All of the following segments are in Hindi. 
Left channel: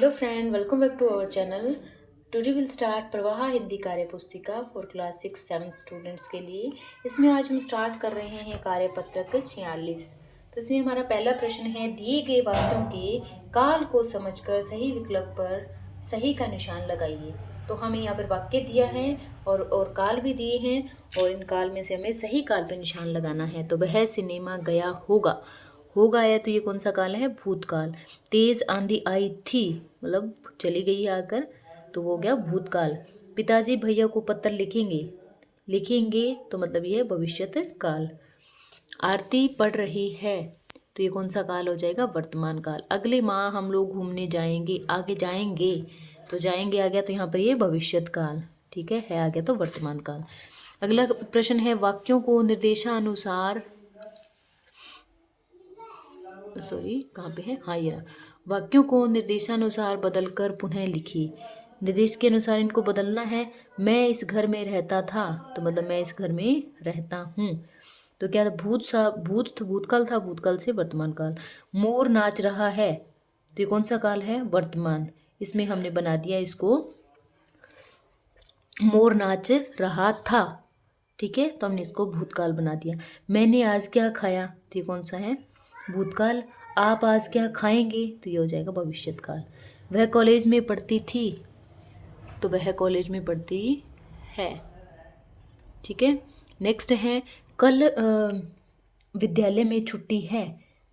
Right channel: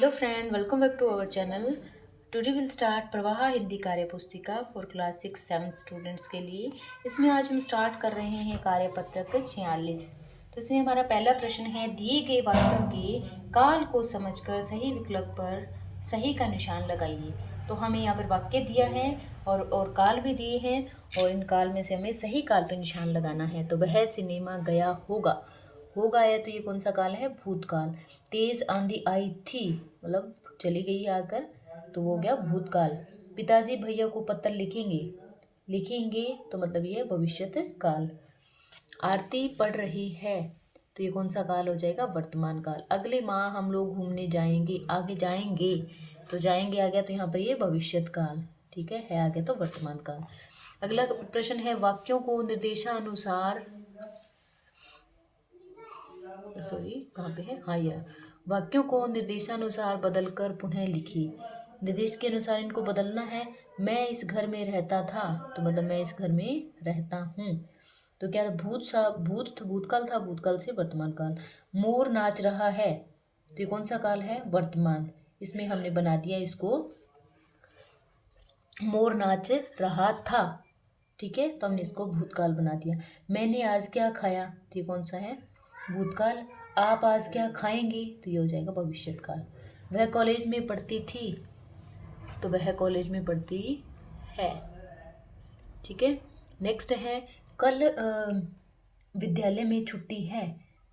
Hello friend, welcome back to our channel. Today will start प्रवाह हिंदी कार्य पुस्तिका फॉर क्लास 6-7 स्टूडेंट्स के लिए। इसमें आज हम स्टार्ट कर रहे हैं कार्यपत्रक 46। तो इसमें हमारा पहला प्रश्न है, दिए गए वाक्यों के काल को समझकर सही विकल्प पर सही का निशान लगाइए। तो हमें यहाँ पर वाक्य दिया है और काल भी दिए हैं, और इन काल में से हमें सही काल पर निशान लगाना है। तो वह सिनेमा गया होगा, होगा है तो ये कौन सा काल है? भूतकाल। तेज आंधी आई थी, मतलब चली गई आकर, तो वो हो गया भूतकाल। पिताजी भैया को पत्र लिखेंगे, लिखेंगे तो मतलब ये भविष्यत काल। आरती पढ़ रही है, तो ये कौन सा काल हो जाएगा? वर्तमान काल। अगले माह हम लोग घूमने जाएंगे, आगे जाएंगे, तो जाएंगे आ गया तो यहाँ पर ये भविष्यत काल। ठीक है आ गया तो वर्तमान काल। अगला प्रश्न है, वाक्यों को निर्देशानुसार, सॉरी कहाँ पे है, हाँ ये रहा। वाक्यों को निर्देशानुसार बदलकर पुनः लिखिए। निर्देश के अनुसार इनको बदलना है। मैं इस घर में रहता था, तो मतलब मैं इस घर में रहता हूँ। तो क्या था? भूतकाल था, भूतकाल से वर्तमान काल। मोर नाच रहा है, तो ये कौन सा काल है? वर्तमान। इसमें हमने बना दिया इसको मोर नाच रहा था। ठीक है, तो हमने इसको भूतकाल बना दिया। मैंने आज क्या खाया, तो ये कौन सा है? भूतकाल। आप आज क्या खाएंगे, तो ये हो जाएगा भविष्यत काल। वह कॉलेज में पढ़ती थी, तो वह कॉलेज में पढ़ती है। ठीक है, नेक्स्ट है, कल विद्यालय में छुट्टी है,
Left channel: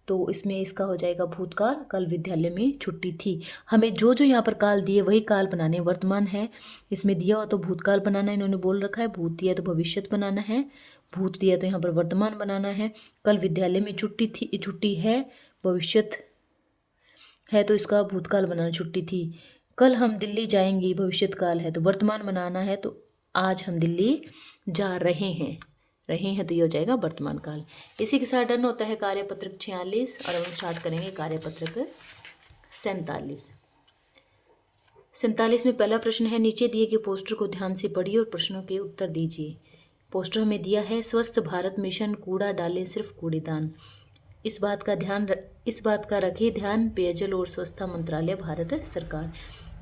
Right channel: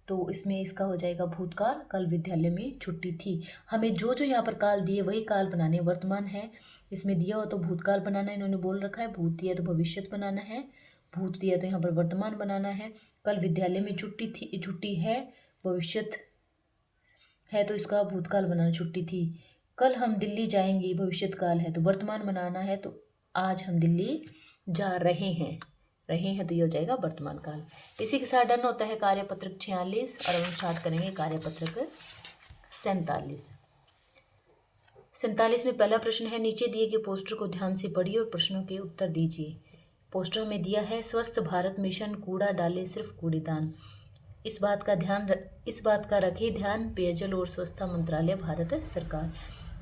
तो इसमें इसका हो जाएगा भूतकाल। कल विद्यालय में छुट्टी थी। हमें जो जो यहाँ पर काल दिए वही काल बनाने। वर्तमान है, इसमें दिया हो तो भूतकाल बनाना है, इन्होंने बोल रखा है। भूत दिया तो भविष्यत बनाना है, भूत दिया तो यहाँ पर वर्तमान बनाना है। कल विद्यालय में छुट्टी थी, छुट्टी है, भविष्यत है तो इसका भूतकाल बनाना, छुट्टी थी। कल हम दिल्ली जाएंगे, भविष्यत काल है तो वर्तमान बनाना है, तो आज हम दिल्ली जा रहे हैं, तो ये हो जाएगा वर्तमान काल। इसी के साथ डन होता है कार्यपत्रक 46, और हम स्टार्ट करेंगे कार्यपत्रक 47। 47 में पहला प्रश्न है, नीचे दिए गए पोस्टर को ध्यान से पढ़िए और प्रश्नों के उत्तर दीजिए। पोस्टर हमें दिया है, स्वस्थ भारत मिशन, कूड़ा डाले सिर्फ कूड़ेदान। इस बात का रखे ध्यान पेयजल और स्वच्छता मंत्रालय, भारत सरकार।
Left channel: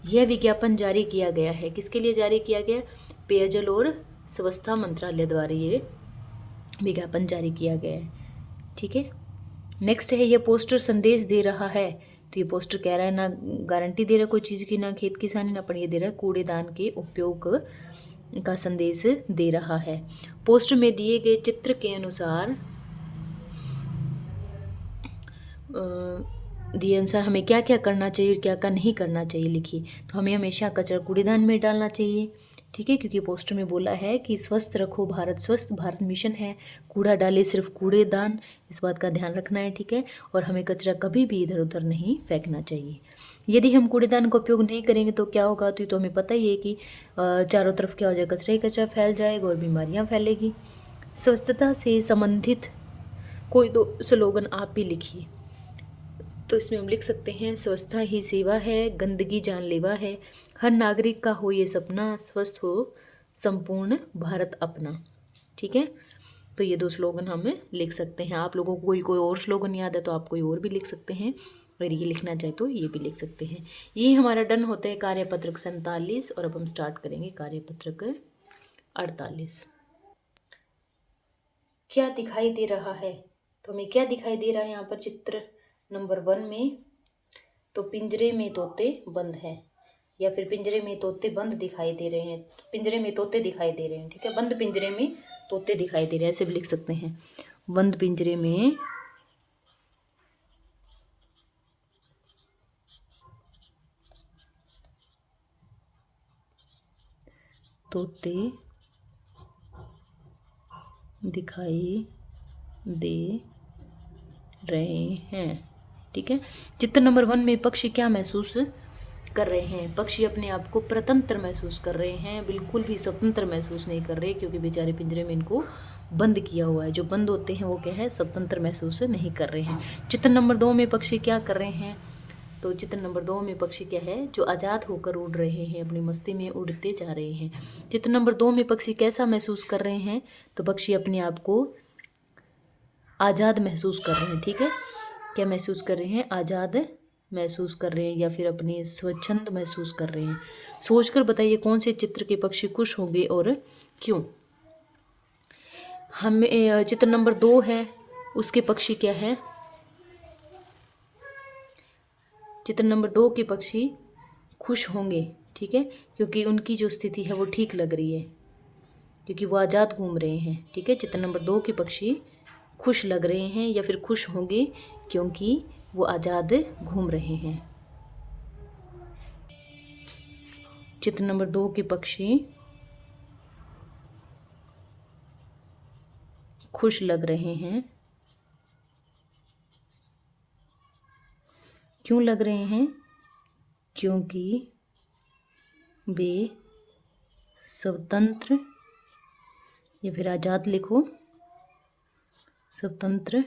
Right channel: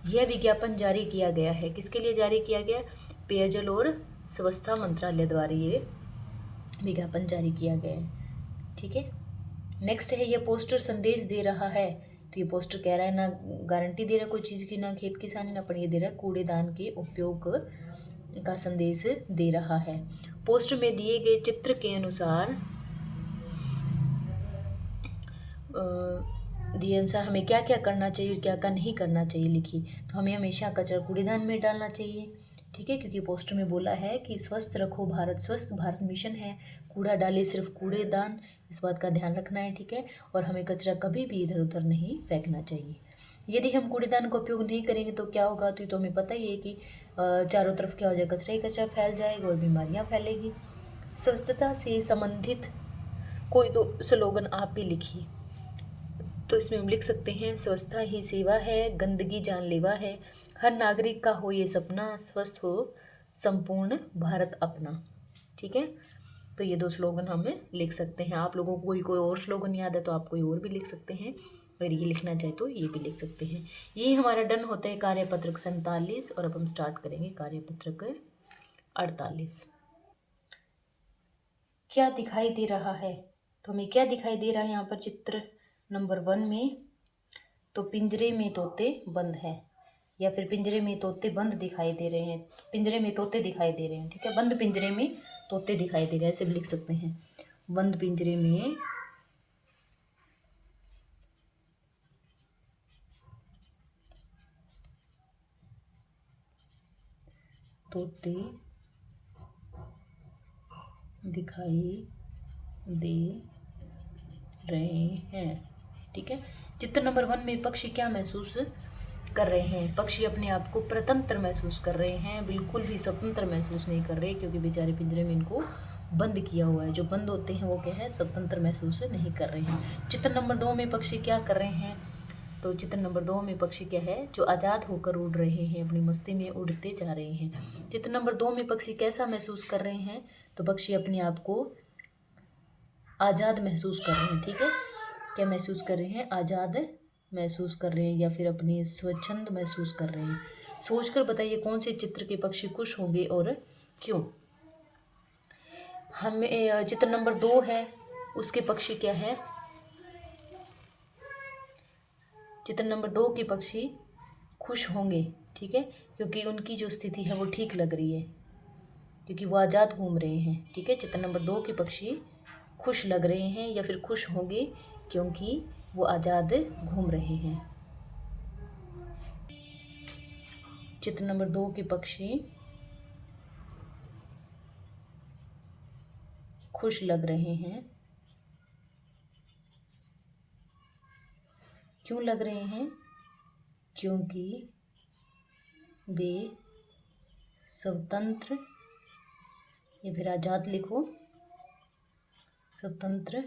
यह विज्ञापन जारी किया गया है, किसके लिए जारी किया गया? पेयजल और स्वच्छता मंत्रालय द्वारा ये विज्ञापन जारी किया गया है। ठीक है, नेक्स्ट है, यह पोस्टर संदेश दे रहा है, तो ये पोस्टर कह रहा है ना गारंटी दे रहा है कोई चीज़ की, ना खेत किसानी, ना पर ये दे रहा है कूड़ेदान के उपयोग का संदेश दे रहा है। पोस्टर में दिए गए चित्र के अनुसार दिए अनुसार हमें क्या क्या करना चाहिए और क्या क्या नहीं करना चाहिए लिखिए। तो हमें हमेशा कचरा कूड़ेदान में डालना चाहिए। ठीक है, क्योंकि पोस्टर में बोला है कि स्वस्थ रखो भारत, स्वस्थ भारत मिशन है, कूड़ा डाले सिर्फ कूड़ेदान, इस बात का ध्यान रखना है। ठीक है, और हमें कचरा कभी भी इधर उधर नहीं फेंकना चाहिए। यदि हम कूड़ेदान का उपयोग नहीं करेंगे तो क्या होगा? तो हमें पता ही है कि चारों तरफ क्या हो जाएगा? कचरा ही कचरा फैल जाएगा और बीमारियाँ फैलेगी। स्वच्छता से संबंधित कोई दो स्लोगन आप भी लिखिए। तो इसमें हम लिख सकते हैं, स्वच्छता ही सेवा है, गंदगी जानलेवा है, हर नागरिक का हो ये सपना, स्वस्थ हो संपूर्ण भारत अपना। ठीक है, तो ये दो स्लोगन हम लिख सकते हैं। आप लोगों को कोई और स्लोगन याद है तो आप कोई और भी लिख सकते हैं, अगर ये लिखना चाहे तो ये भी लिख सकते हैं। ये हमारा डन होता है कार्यपत्रक 47, और अब हम स्टार्ट करेंगे कार्यपत्रक 48। क्या दिखाई दे रहा है? तो हमें क्या दिखाई दे रहा है यहाँ पर? चित्र नंबर 1 में तो पिंजरे में तोते बंद है, या फिर पिंजरे में तोते बंद दिखाई दे रहे हैं, पिंजरे में तोते दिखाई दे रहे हैं। ठीक है, बंद पिंजरे में तोते दिखाई दे रहे हैं, ऐसे भी लिख सकते हैं, बंद पिंजरे में तोते दिखाई दे रहे हैं। ठीक है, चित्र नंबर 1 में पक्षी क्या महसूस कर रहे हैं? पक्षी अपने आप को स्वतंत्र महसूस कर रहे हैं, बिल्कुल भी स्वतंत्र महसूस नहीं कर रहे, क्योंकि बेचारे पिंजरे में इनको बंद किया हुआ है। जो बंद होते हैं वो क्या है? स्वतंत्र महसूस नहीं कर रहे हैं। चित्र नंबर 2 में पक्षी क्या कर रहे हैं? तो चित्र नंबर 2 में पक्षी क्या है? जो आज़ाद होकर उड़ रहे हैं, अपनी मस्ती में उड़ते जा रहे हैं। चित्र नंबर 2 में पक्षी कैसा महसूस कर रहे हैं? तो पक्षी अपने आप को आज़ाद महसूस कर रहे हैं। ठीक है, क्या महसूस कर रहे हैं? आज़ाद महसूस कर रहे हैं या फिर अपनी स्वच्छंद महसूस कर रहे हैं। सोचकर बताइए कौन से चित्र के पक्षी खुश होंगे और क्यों। हमें चित्र नंबर 2 है, उसके पक्षी क्या है? चित्र नंबर 2 के पक्षी खुश होंगे, ठीक है, क्योंकि उनकी जो स्थिति है वो ठीक लग रही है, क्योंकि वो आज़ाद घूम रहे हैं, ठीक है। चित्र नंबर 2 के पक्षी खुश लग रहे हैं या फिर खुश होंगे क्योंकि वो आज़ाद घूम रहे हैं। चित्र नंबर 2 के पक्षी खुश लग रहे हैं, क्यों लग रहे हैं? क्योंकि वे स्वतंत्र या फिर आज़ाद लिखो, स्वतंत्र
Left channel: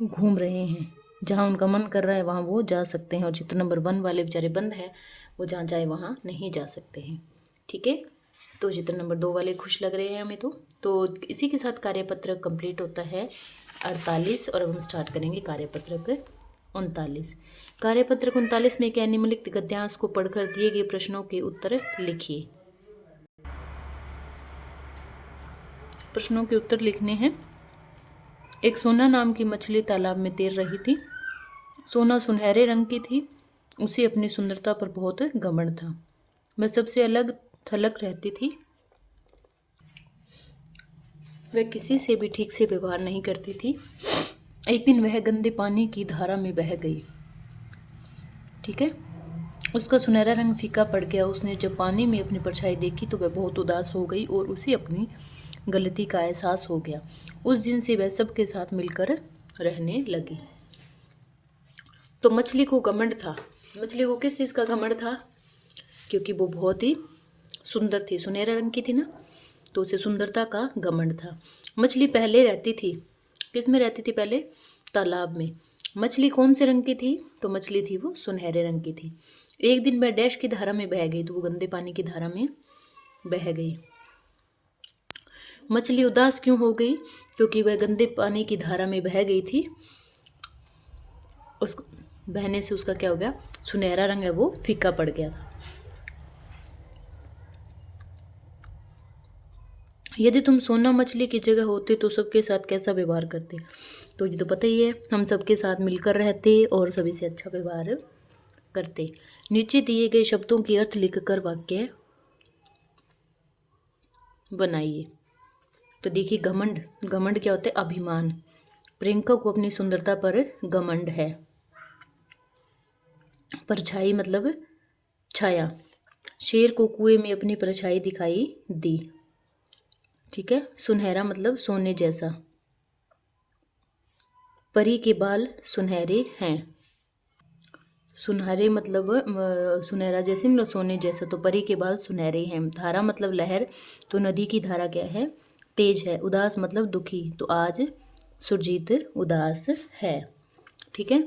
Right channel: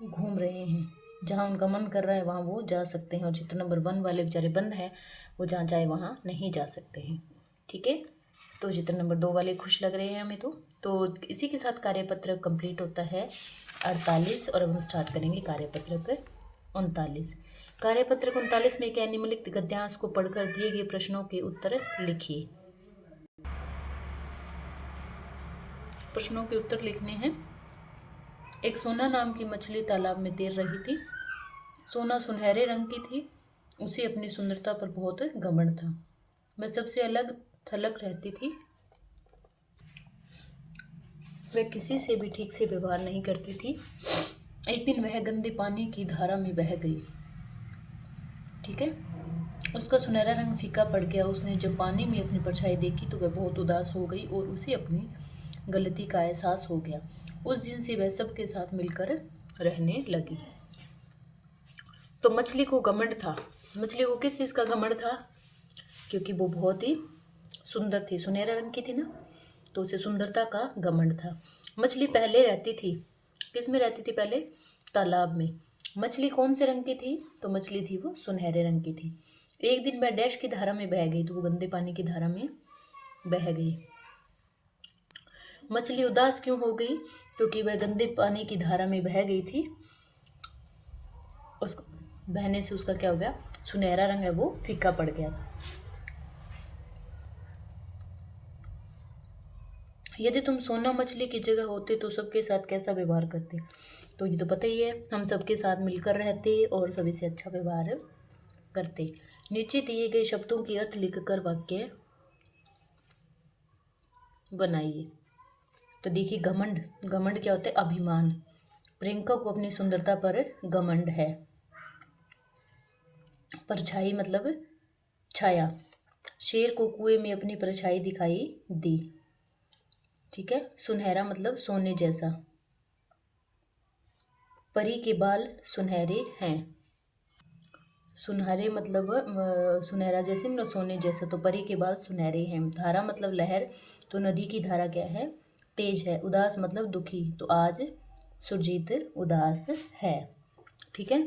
घूम रहे हैं, जहाँ उनका मन कर रहा है वहाँ वो जा सकते हैं। और चित्र नंबर 1 वाले बेचारे बंद है, वो जहाँ चाहे वहाँ नहीं जा सकते हैं, ठीक है। तो चित्र नंबर 2 वाले खुश लग रहे हैं हमें। तो इसी के साथ कार्यपत्र कंप्लीट होता है 48। और अब हम स्टार्ट करेंगे कार्यपत्रक 39। कार्यपत्रक 39 में क्या? निम्नलिखित गद्यांश को पढ़कर दिए गए प्रश्नों के उत्तर लिखिए। प्रश्नों के उत्तर लिखने हैं। एक सोना नाम की मछली तालाब में तैर रही थी। सोना सुनहरे रंग की थी। उसे अपनी सुंदरता पर बहुत घमंड था। वह सबसे अलग थलग रहती थी। वह किसी से भी ठीक से व्यवहार नहीं करती थी। एक दिन वह गंदे पानी की धारा में बह गई, ठीक है। उसका सुनहरा रंग फीका पड़ गया। उसने जब पानी में अपनी परछाई देखी तो वह बहुत उदास हो गई और उसे अपनी गलती का एहसास हो गया। उस दिन से वह सबके साथ मिलकर रहने लगी। तो मछली को घमंड था। मछली को किस चीज़ का घमंड था? क्योंकि वो बहुत ही सुंदर थी, सुनहरे रंग की थी ना, तो उसे सुंदरता का घमंड था। मछली पहले रहती थी, किस में रहती थी पहले? तालाब में। मछली कौन से रंग की थी? तो मछली थी वो सुनहरे रंग की थी। एक दिन वह डैश की धारा में बह गई, तो वो गंदे पानी की धारा में बह गई। मछली उदास क्यों हो गई? क्योंकि वह गंदे पानी की धारा में बह गई थी। उस बहने से उसका क्या हो गया? सुनहरा रंग है वो फीका पड़ गया था। यदि तुम सोना मछली की जगह होते तो सबके साथ कैसा व्यवहार करते? तो ये तो पता ही है, हम सबके साथ मिलकर रहते और सभी से अच्छा व्यवहार करते। नीचे दिए गए शब्दों के अर्थ लिखकर वाक्य बनाइए। तो देखिए, घमंड, घमंड क्या होता है? अभिमान। प्रियंका को अपनी सुंदरता पर घमंड है। परछाई मतलब छाया। शेर को कुएं में अपनी परछाई दिखाई दी, ठीक है। सुनहरा मतलब सोने जैसा। परी के बाल सुनहरे हैं। सुनहरे मतलब सुनहरा जैसे मतलब सोने जैसा, तो परी के बाल सुनहरे हैं। धारा मतलब लहर, तो नदी की धारा क्या है? तेज है। उदास मतलब दुखी, तो आज सुरजीत उदास है, ठीक है।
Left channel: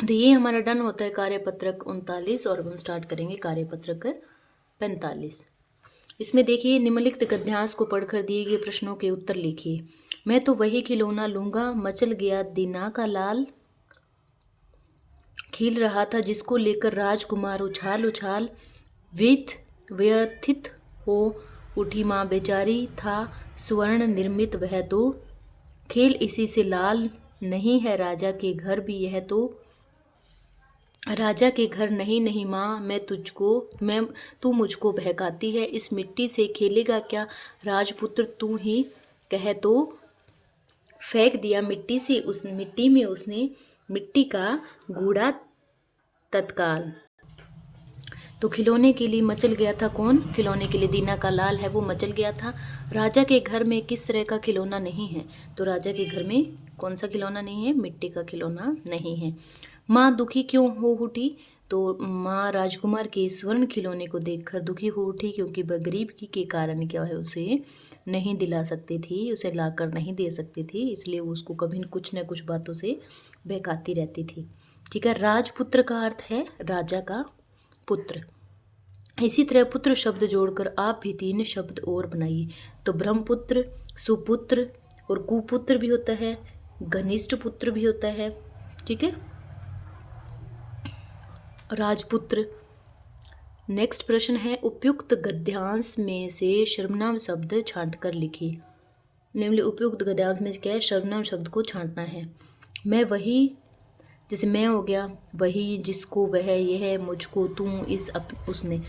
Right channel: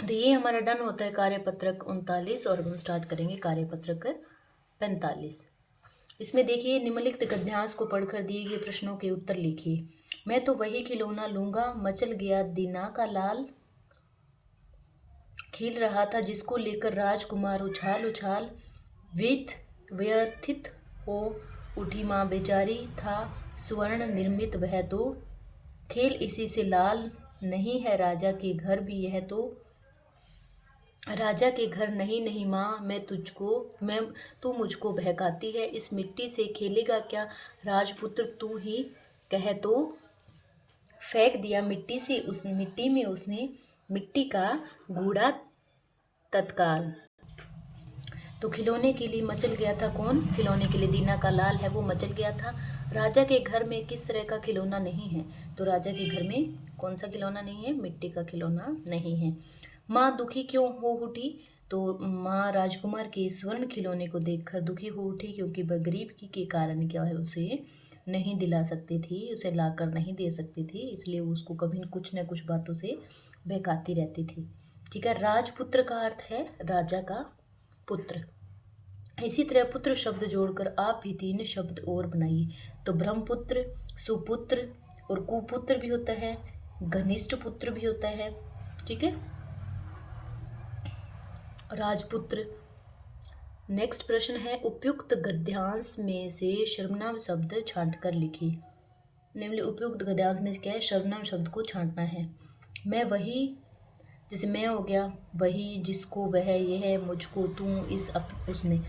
तो ये हमारा डन होता है कार्यपत्रक 39। और हम स्टार्ट करेंगे कार्यपत्रक 45। इसमें देखिए, निम्नलिखित गद्यांश को पढ़कर दिए गए प्रश्नों के उत्तर लिखिए। मैं तो वही खिलौना लूंगा, मचल गया दीना का लाल। खिल रहा था जिसको लेकर राजकुमार उछाल उछाल। व्यथित हो उठी माँ बेचारी, था स्वर्ण निर्मित वह तो। खेल इसी से लाल नहीं है राजा के घर भी यह तो। राजा के घर नहीं नहीं माँ, मैं तू मुझको बहकाती है। इस मिट्टी से खेलेगा क्या राजपुत्र तू ही कह तो। फेंक दिया मिट्टी से, उस मिट्टी में उसने मिट्टी का गूढ़ा तत्काल। तो खिलौने के लिए मचल गया था कौन? खिलौने के लिए दीना का लाल है वो मचल गया था। राजा के घर में किस तरह का खिलौना नहीं है? तो राजा के घर में कौन सा खिलौना नहीं है? मिट्टी का खिलौना नहीं है। माँ दुखी क्यों हो उठी? तो माँ राजकुमार के स्वर्ण खिलौने को देखकर दुखी हो उठी, क्योंकि वह गरीबी के कारण क्या है, उसे नहीं दिला सकती थी, उसे लाकर नहीं दे सकती थी, इसलिए वो उसको कभी कुछ न कुछ बातों से बहकाती रहती थी, ठीक है। राजपुत्र का अर्थ है राजा का पुत्र। इसी तरह पुत्र शब्द जोड़कर आप भी 3 शब्द और बनाइए। तो ब्रह्मपुत्र, सुपुत्र और कुपुत्र भी होता है, घनिष्ठ पुत्र भी होता है, ठीक है। राजपुत्र। नेक्स्ट प्रश्न है, उपयुक्त गद्यांश में से सर्वनाम शब्द छांट कर लिखिए। निम्नलिखित उपयुक्त गद्यांश में क्या है, सर्वनाम शब्द को छांटना है। मैं वही, जैसे मैं हो गया, वही, जिसको, वह, यह, मुझको, तू, इस, उसने।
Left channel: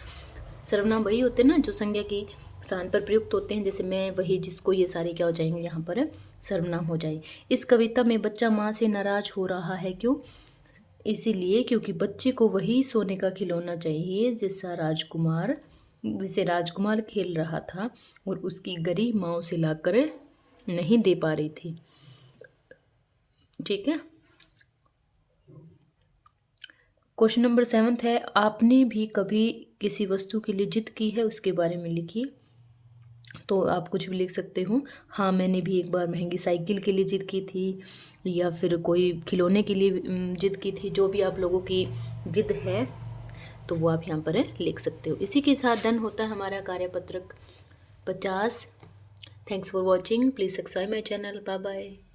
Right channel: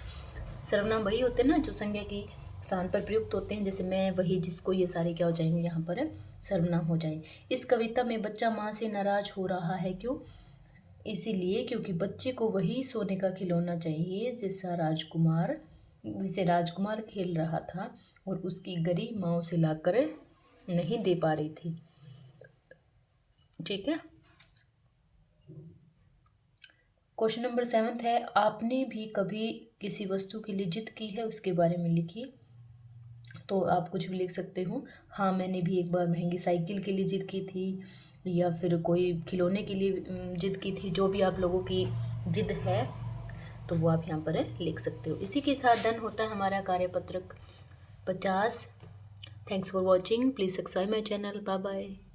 सर्वनाम वही होते हैं ना जो संज्ञा की स्थान पर प्रयुक्त होते हैं, जैसे मैं, वही, जिसको, ये सारे क्या हो जाएंगे यहाँ पर सर्वनाम हो जाए। इस कविता में बच्चा माँ से नाराज हो रहा है, क्यों? इसीलिए क्योंकि बच्चे को वही सोने का खिलौना चाहिए जिसे राजकुमार खेल रहा था और उसकी गरी माँ उसे लाकर नहीं दे पा रही थी। ठीक है। क्वेश्चन नंबर 7 है, आपने भी कभी किसी वस्तु के लिए जिद की है, उसके बारे में लिखिए। तो आप कुछ भी लिख सकते हो। हाँ, मैंने भी एक बार महंगी साइकिल के लिए जिद की थी, या फिर कोई खिलौने के लिए जिद की थी। जो भी आप लोगों की जिद है तो वो आप यहाँ पर लिख सकते हो। इसी के साथ डन होता है हमारा कार्यपत्रक 50। Thanks for watching, please subscribe my channel. Bye bye.